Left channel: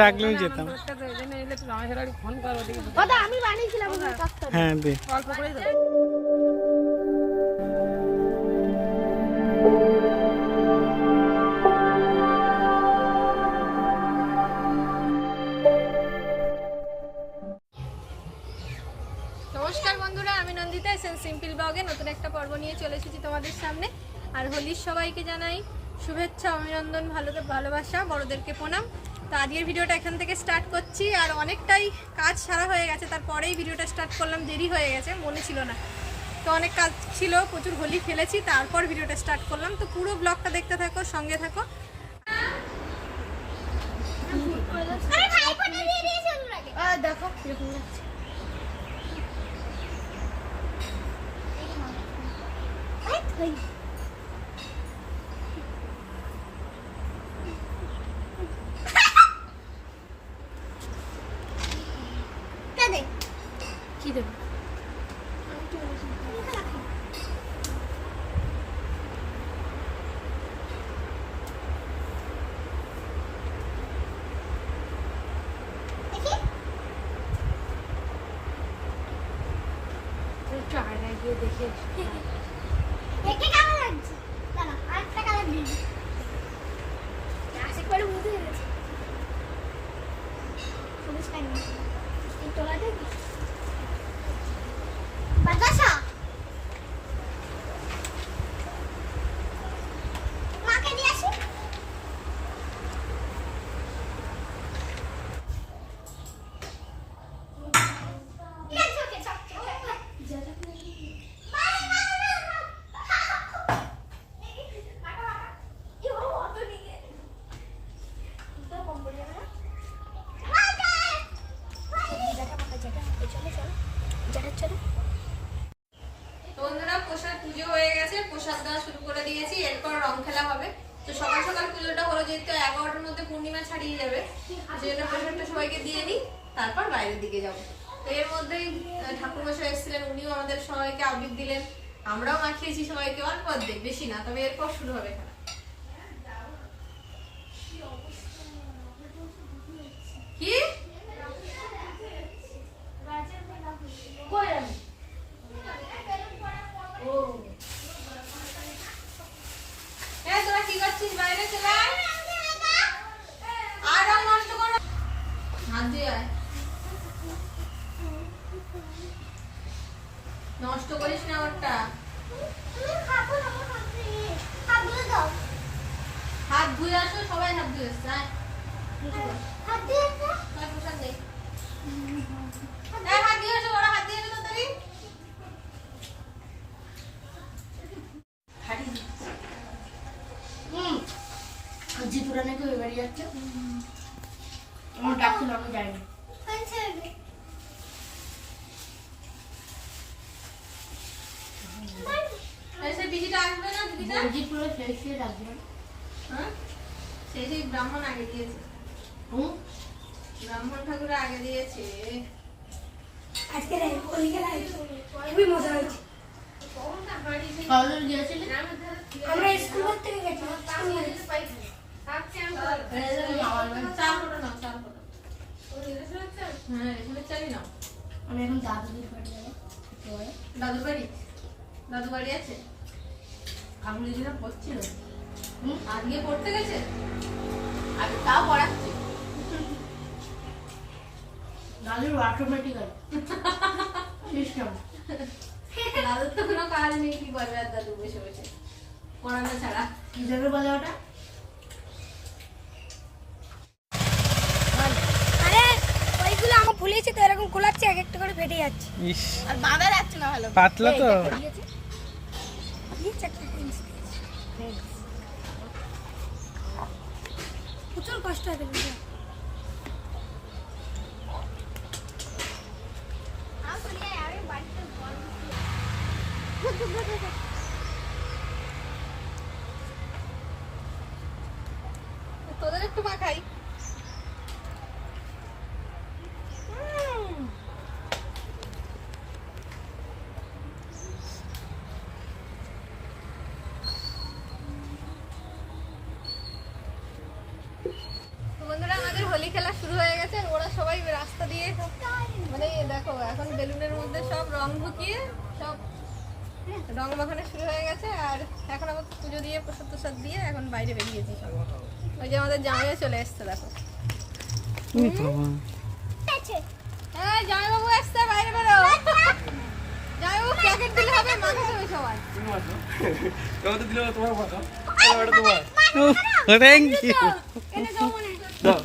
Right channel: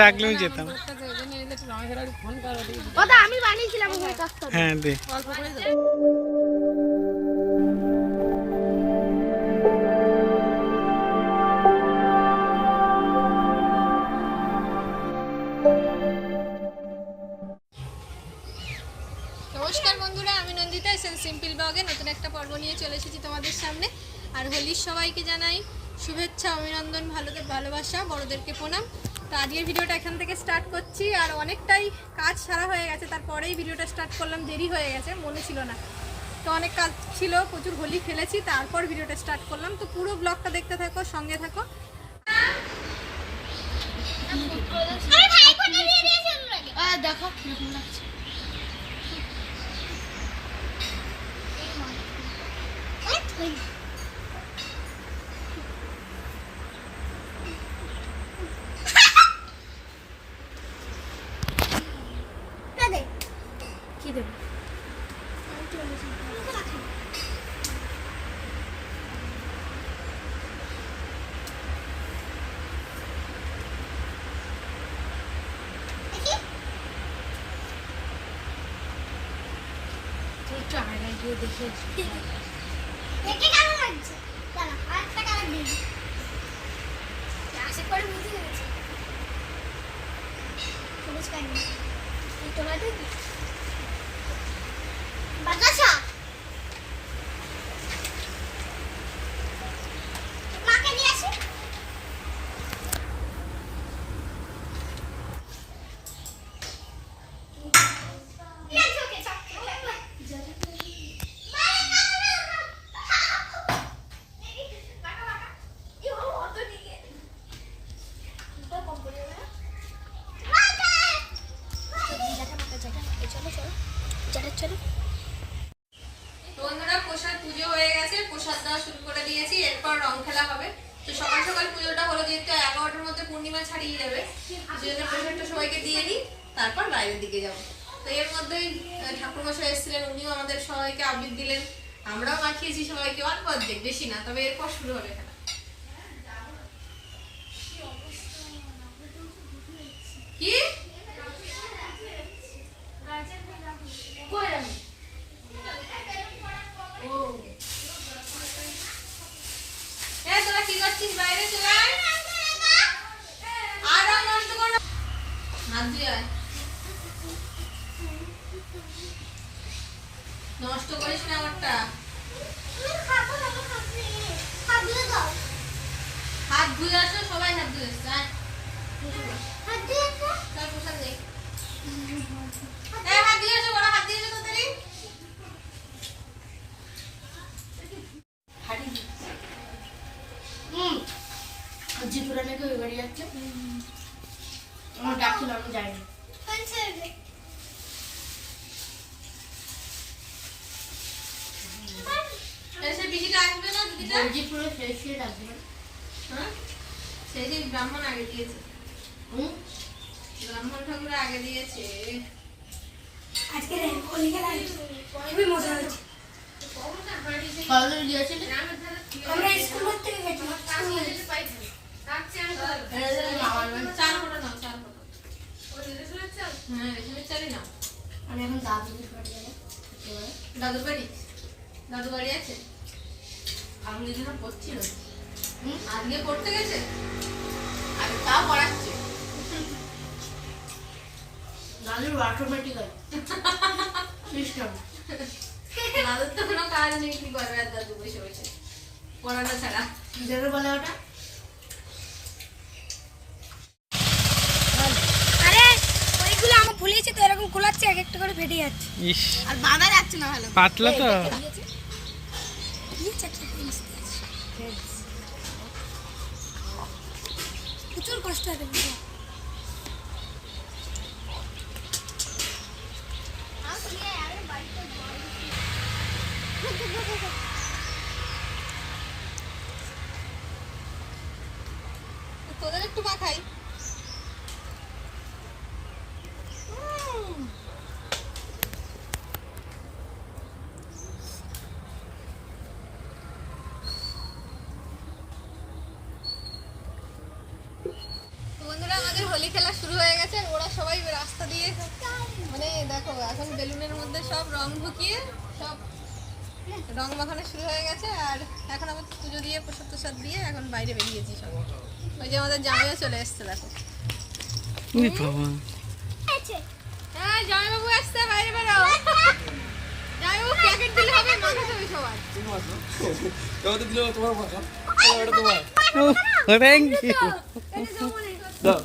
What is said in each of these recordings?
ডাকলেও যেতাম। হ্যাঁ দে। অল্প করে বন্ধুরা আমি নন্দিতা এসেন সিম্পল ব্লগে নতুন একটা পর্ব নিয়ে চলে এসেছি তোমাদের সামনে। আর হোলির সবাইকে জানাই শুভেচ্ছা অভিনন্দন ভালো ভালোবাসা বড়দেরকে প্রণাম। তো আজকের ভিডিওটা এখান থেকে স্টার্ট করছি। আর অনেকটাই কাজ সারা হয়ে গেছে তারপরেই ভিডিওটা স্টার্ট করলাম। দেরি হয়ে গেছে মনে ছিল না। তো অনেক কাজ ছিল প্রচুর হোলি খেলেছি তারপর ভিডিওটা স্টার্ট করলাম। তো পুরো ব্লগটা দেখতে থাকো সঙ্গে থাকো। দেখো কীরকম লাগছে। কি দেবো একটু গিয়ে দেখে দেখতে কেমন লাগছে দাঁড়া আরেকটা কালার দিই আশা করে বুঝতে পেরেছি সবুজ কানি এই তোলাটা দিই বাতাসা মাকে নিয়ে আসি তো বন্ধুরা প্রসাদ পুজো হয়ে গেছে প্রসাদ দেওয়া শুরু করে দিয়েছি এরপর রং খেলা হবে তো সকাল সকাল পুজোটা হলো যেহেতু এগারোটার মধ্যে পূর্ণিমা যাবে যেহেতু প্রসাদটা সবাইকে দিয়ে দিই তারপর বাইরের দিকে যাব। তো এর মধ্যে ঠাকুরমশাই এসেছিলেন উনিও আমাদের সবাইকে আবির দিলেন। আমরাও মাখিয়েছি সবাইকে অল্প অর্ধেক বেশি না তবে এরপর শুরু হবে খেলা কি কই আমি এ তোরা কি করছিস বাইরে চলে আয় আর রং নষ্ট করো হাত দিয়ে আয় নষ্ট করিস না আমারটা। হাত ধুয়ে আসো সবাই হাত ধুয়ে আসছে হাত এসো, বড়, হাত তাড়াতাড়ি। জিতুরা নাকি ওই বাড়ি যাচ্ছে। আমার ডাকছিল আমি যাইনি। হ্যাঁ? ব্রাহ্মণ আগে দিয়েছে। ব্রাহ্মণ ঠাকুর আগে দিয়েছে। আজকে খুবই মজা হয়েছে। আমরা স্কুল থেকে গেছিলাম আমার বাড়ি। চার ফোটা নাও চার ফোটা হ্যাঁ রেশমের চারই নাও এখন দাদুদের বাড়ি দাদুর বাড়ি দাদু বাড়ি আছে। আমি দিদিরা পড়ছিল হুম আজকে পড়তে গেছে আর তাও পড়াচ্ছে দাদুর অটোমেটিক্যাল সিস্টেম দাদুর তো কোনো কাজ নেই কি করবে আর দাদু বসে বসে পড়ানো ছাড়া কি বলে ওটা আরে ওইগুলো আমার ফুলিয়েছে তো এরকম খোলাচ্ছে এক একটা করে ফেটে যাচ্ছে ইস। আর বাঁধা যাচ্ছে না ভালো। পাতলা তো। প্রচুর কষ্ট হবে তোদের একটু মাখাই খেলা শুরু হয়ে গেছে আর ওরা সবাই রাস্তা দিয়ে মানে দেখো এখন বেলুনের মধ্যে সব রং ঢুকিয়ে সব রং মাখানো শুরু হয়ে গেছে আর এখন আবার পুজো দিয়ে প্রসাদ প্রসাদ দিয়ে এখন বাইরে বেরিয়েছি সব। ওই যে আমাদের জামাইও চলে এসছে দেখো। হ্যাঁ জামাইবাবু আসছে বাইরে বেরো। জামাইবাবু প্যাকেট দিলে হবে মাখাতে হবে সবাই তোমার তো দিলে তোমার। মাখা তোমার থ্যাংক ইউ দাও।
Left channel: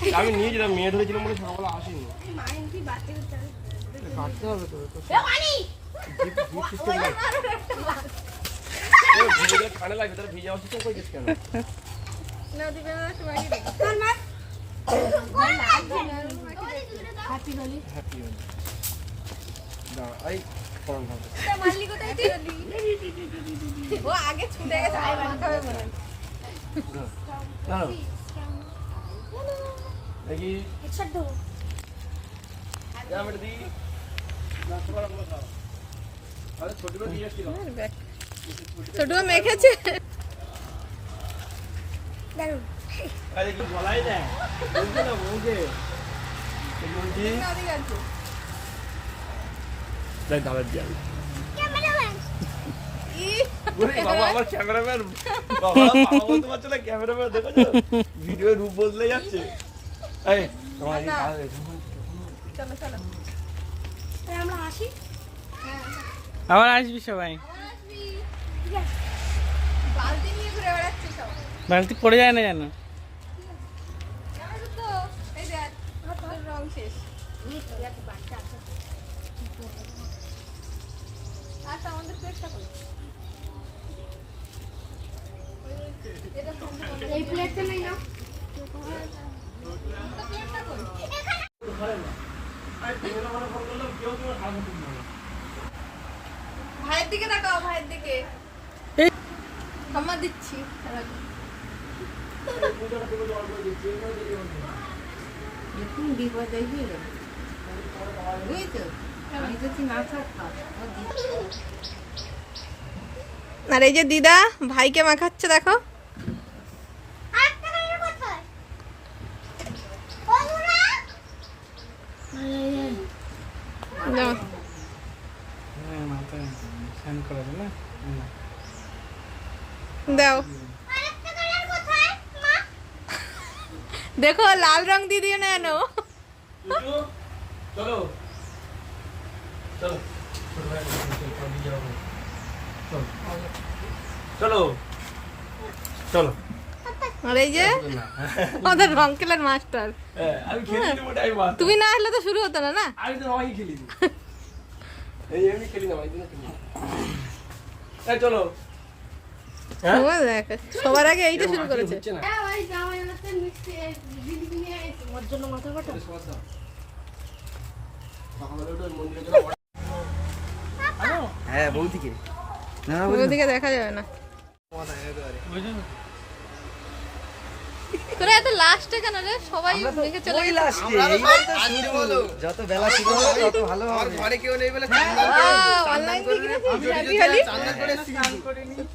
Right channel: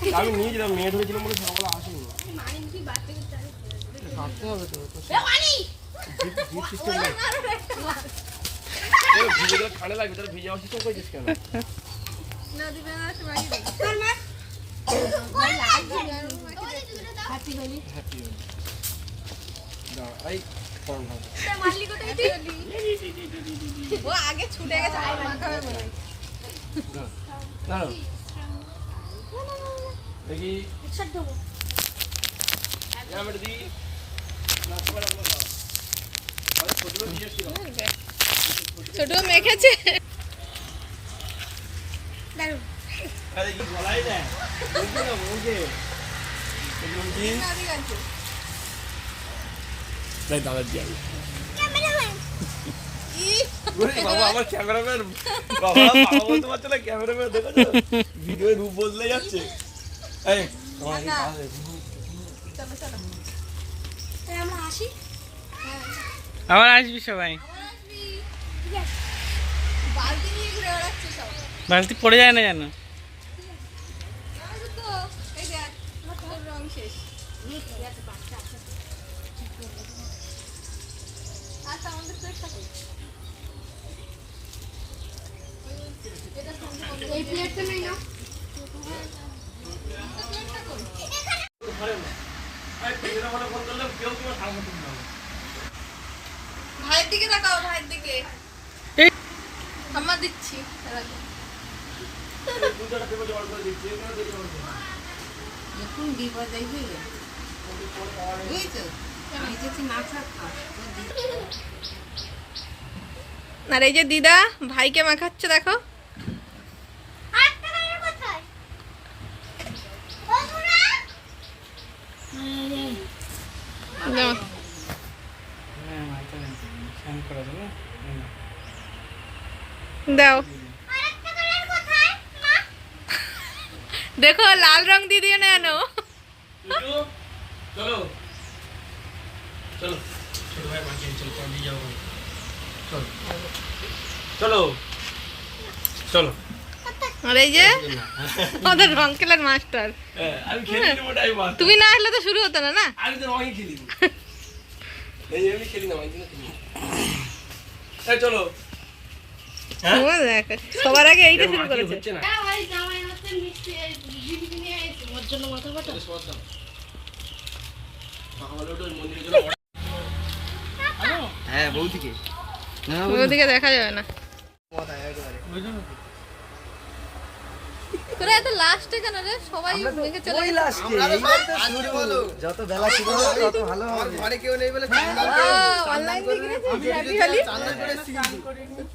আমি নিয়ে যেতাম মেয়ে ধরেছিলাম বলে সকালে আসেনি। কাটতে হবে তো ভিজে গেলে ঠান্ডা লাগবে তাহলে ভিজে অসুস্থ করেছিস কেন? না দিবে না হ্যাপি হলি এই ফর্ম ও আগে ছুটে গেছে আর দেখি। ছোট মেখেছে। গলাই দেয়? তাই দাবার আমার ক্যামেরাম্যান। বাবা পারছ না ক্যামেরাম্যান দেখো ভিডিও রূপ বদলে যাচ্ছে। এই তোমার এই কাজ চলো। চলো আমরা আসি? আবার আসবি সবাই। বালতি নিয়ে ঘুরে বেড়াচ্ছে সব। বালতি পড়ে যায় না জানো এই শেষ। আচ্ছা প্লেটটা কই এটা ভাইয়ের দিকে তাকাও ভাইয়ের দিকে। আমার দিচ্ছি। আর এই যে দিদা ভাইকে মাখাচ্ছে দেখো। দাও। দেখো লাল রং দিয়ে দিও না চলো চলো চলো। চলো। আর এই যে? আমাদের রং মাস্টার। হ্যাঁ, আমি মারতাম। তুমি না আসলে তো শুরু হতো না না? হ্যাঁ? সবার আগে এইটা শুরু করেছে। হ্যাঁ বৌদিকে। ওদিকে দেখা যাবে না। তোরা এত লাস্টে কেন রে? সবাই দেখে চলে গেছে। যত বেলা ছিল তত ভালো হবে। ঘরে কেউ নেই বলে চান্দান থেকে দেখেছিস? Happy Holi? চান্দান করে এসেছি।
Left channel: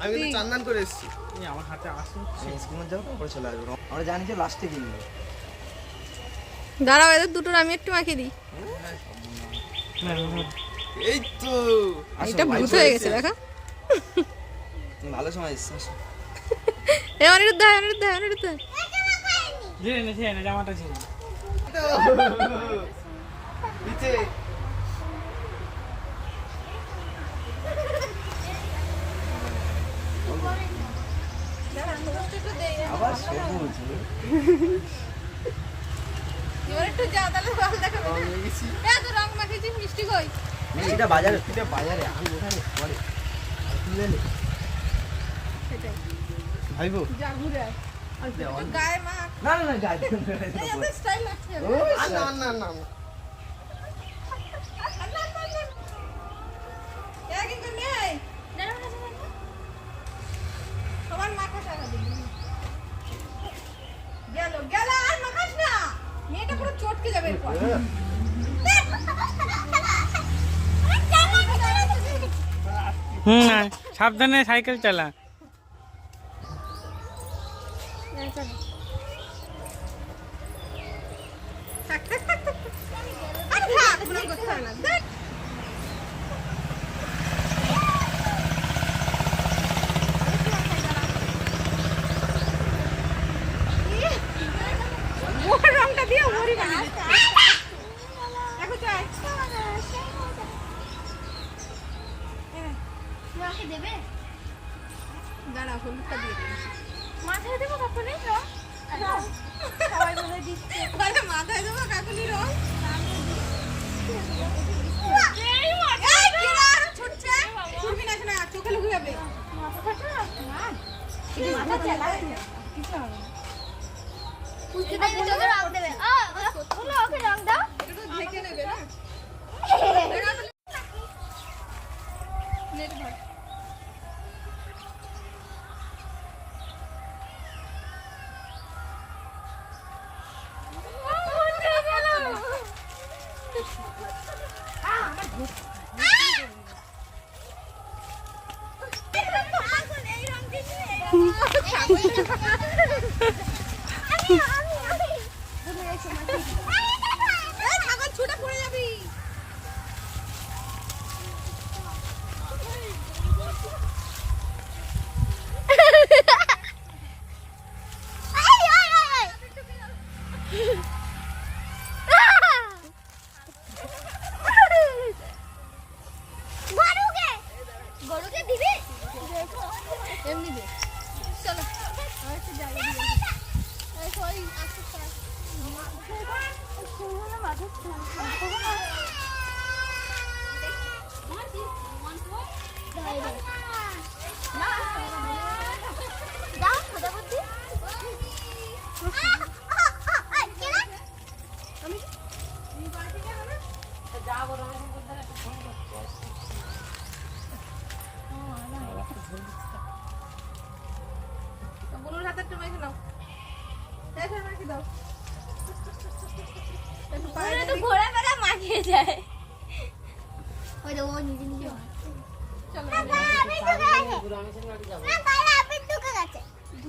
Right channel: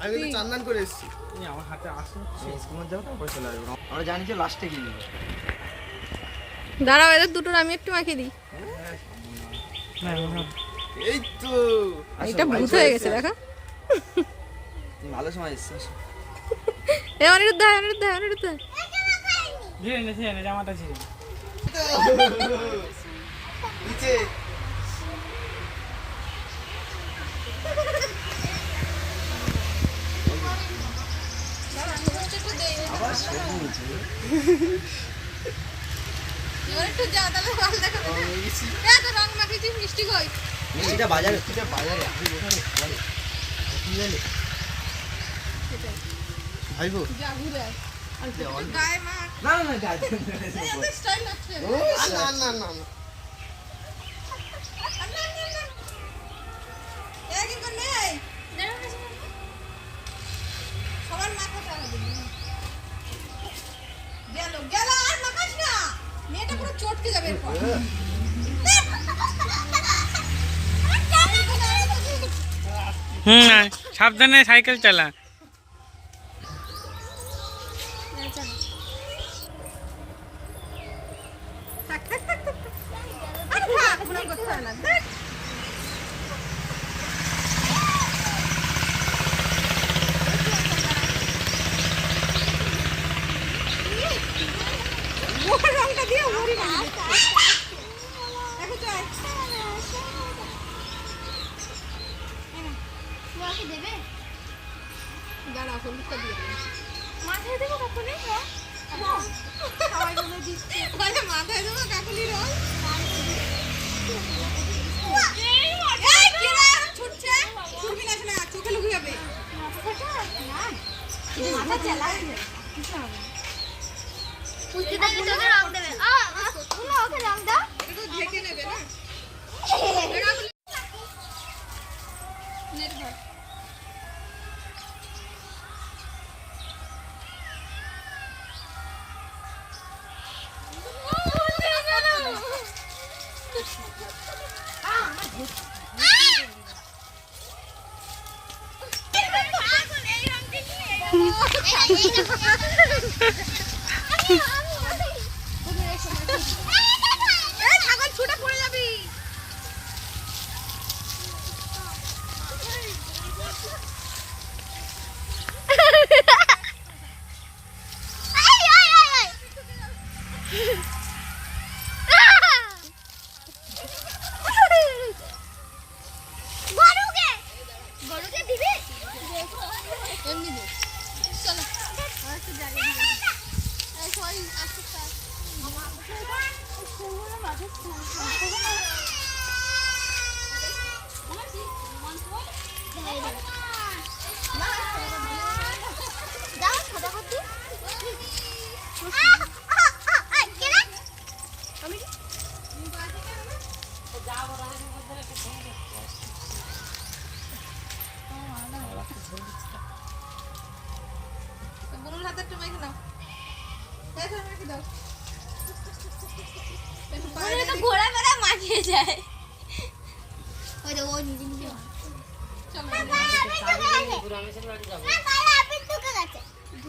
আমি কিন্তু চান্দান করে এসেছি। স্কুল যাও তারপরে চলে আসব। আমরা জানি যে লাস্টে কিনবো দাঁড়াও এদের দুটোর আমি একটু মাখিয়ে দিই। এই তো। এটা ভূত হয়ে গেছে দেখো। ভালো সময় এসছো এ অনিরুদ্ধ হয় অনিরুদ্ধ অনিরুদ্ধ। আবার সবুজ এবার একটু যা তাহলে ভালো দেখা এই তো রং মাখিয়েছিস, মিষ্টি কই? এটা বাজারে এটা বাজারে আমি ওখানে কি বলে। ভাইবো যা ঘুরে আয়। গায়ে মাখ। না না না গাছ এই এত style লাগছে। ও আর না না না না। আর না, না, না। এরা কিন্তু নেই। সবার মাথা টাকা দিবি। গেল, গেল, আর মাখাস না। মেয়েটা পুরো চটকে যাবে এরপর। হুম সাবধানে সাইকেল চালা থাক থাক থাক থাক ওকে রং দাও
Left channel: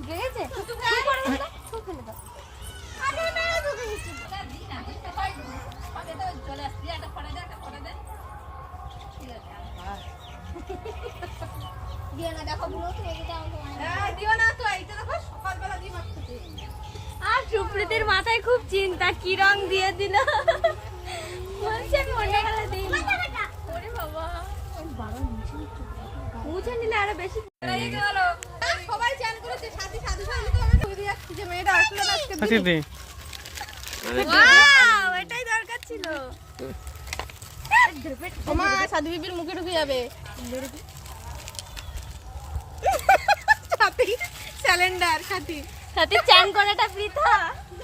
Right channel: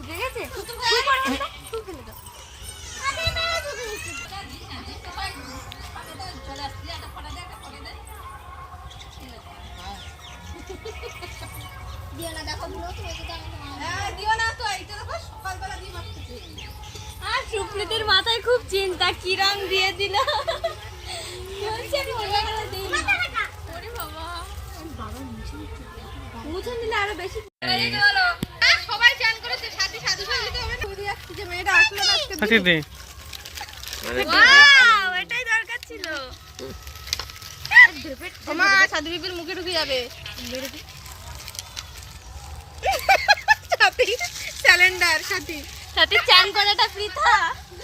গেছে। মুখে ঢুকে যাবে। সাথী সাথী। সাথে চান করাটা পৃথা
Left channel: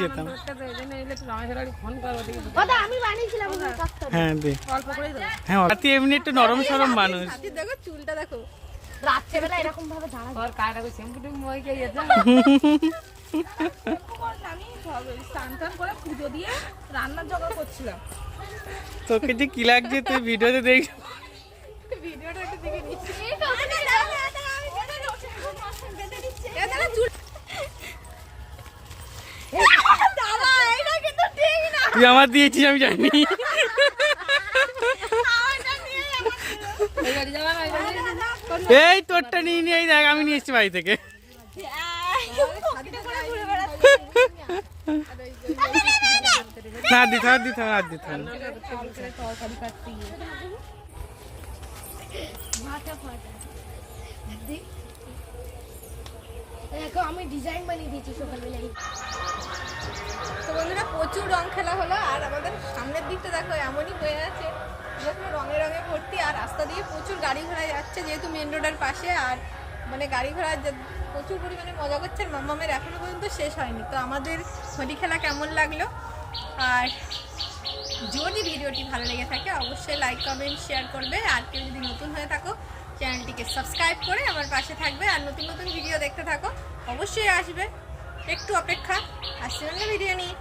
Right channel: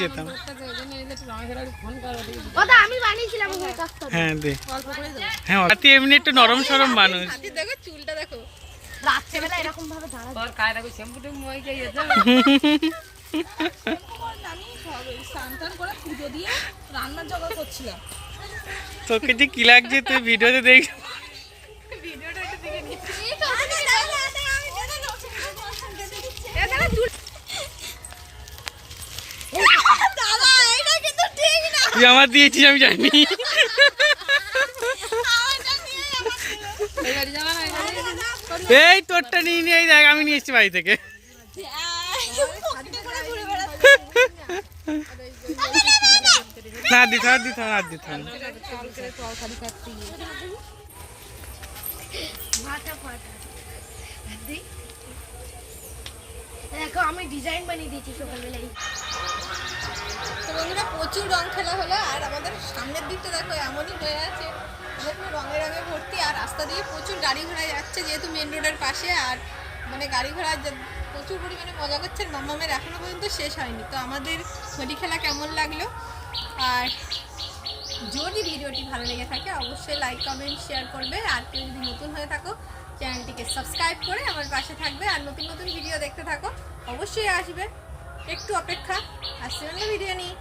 যেতাম। হ্যাঁ দে। হ্যাঁ এমনি একটু নরম সরম মানুষ। চুলটা দেখো। রাত্রেবেলা এরকম ভাবে দাঁড়া আমি স্নান টান করে পুজো দিয়ে রান্নার জোগাড় করছিলাম তোকে যে কি লাগছে তুই ভিডিওতে দেখ ভিডিওটা একটু দেখে নিচ্ছি এ দাদা চুল দাদা এইটা কিন্তু ঠিক না তুই আমার দিয়েছিস আমি জানি। আমারটা নিয়ে আমার এই তোরটা নিয়ে নিয়ে দেখ আমি নিয়ে এসেছি বাড়ি থেকে। না আর। দেখো, আমি ডিজাইন বানিয়ে দিয়েছি সকালবেলায়। তো বন্ধুরা, প্রচুর রং খেলা হলো, আর আমাদের সামনের দিকটা দেখো এমনই হয়ে আছে। রঙে রঙে ভর্তি, আর রাস্তা দিয়ে প্রচুর গাড়ি ঘোড়া যাচ্ছে যেহেতু মেন রোডের পাশে, আর মানে গাড়ি ঘোড়া প্রচুর পরিমাণে মজা করছে, আর মামামের এখনও পর্যন্ত শেষ হয়নি। তো আমাদের হোলি খেলা কেমন লাগল? আর যদি ভিডিওটি ভালো লেগে থাকে, অবশ্যই লাইক কমেন্ট শেয়ার করবে। আর কেউ যদি নতুন হয়ে থাকো চ্যানেলটিকে সাবস্ক্রাইব করে আমার পাশে থাকবে আর নতুন নতুন ভিডিও দেখতে থাকো, অবশ্যই আসবে। একটু অপেক্ষা আসছে ভিডিও নিয়ে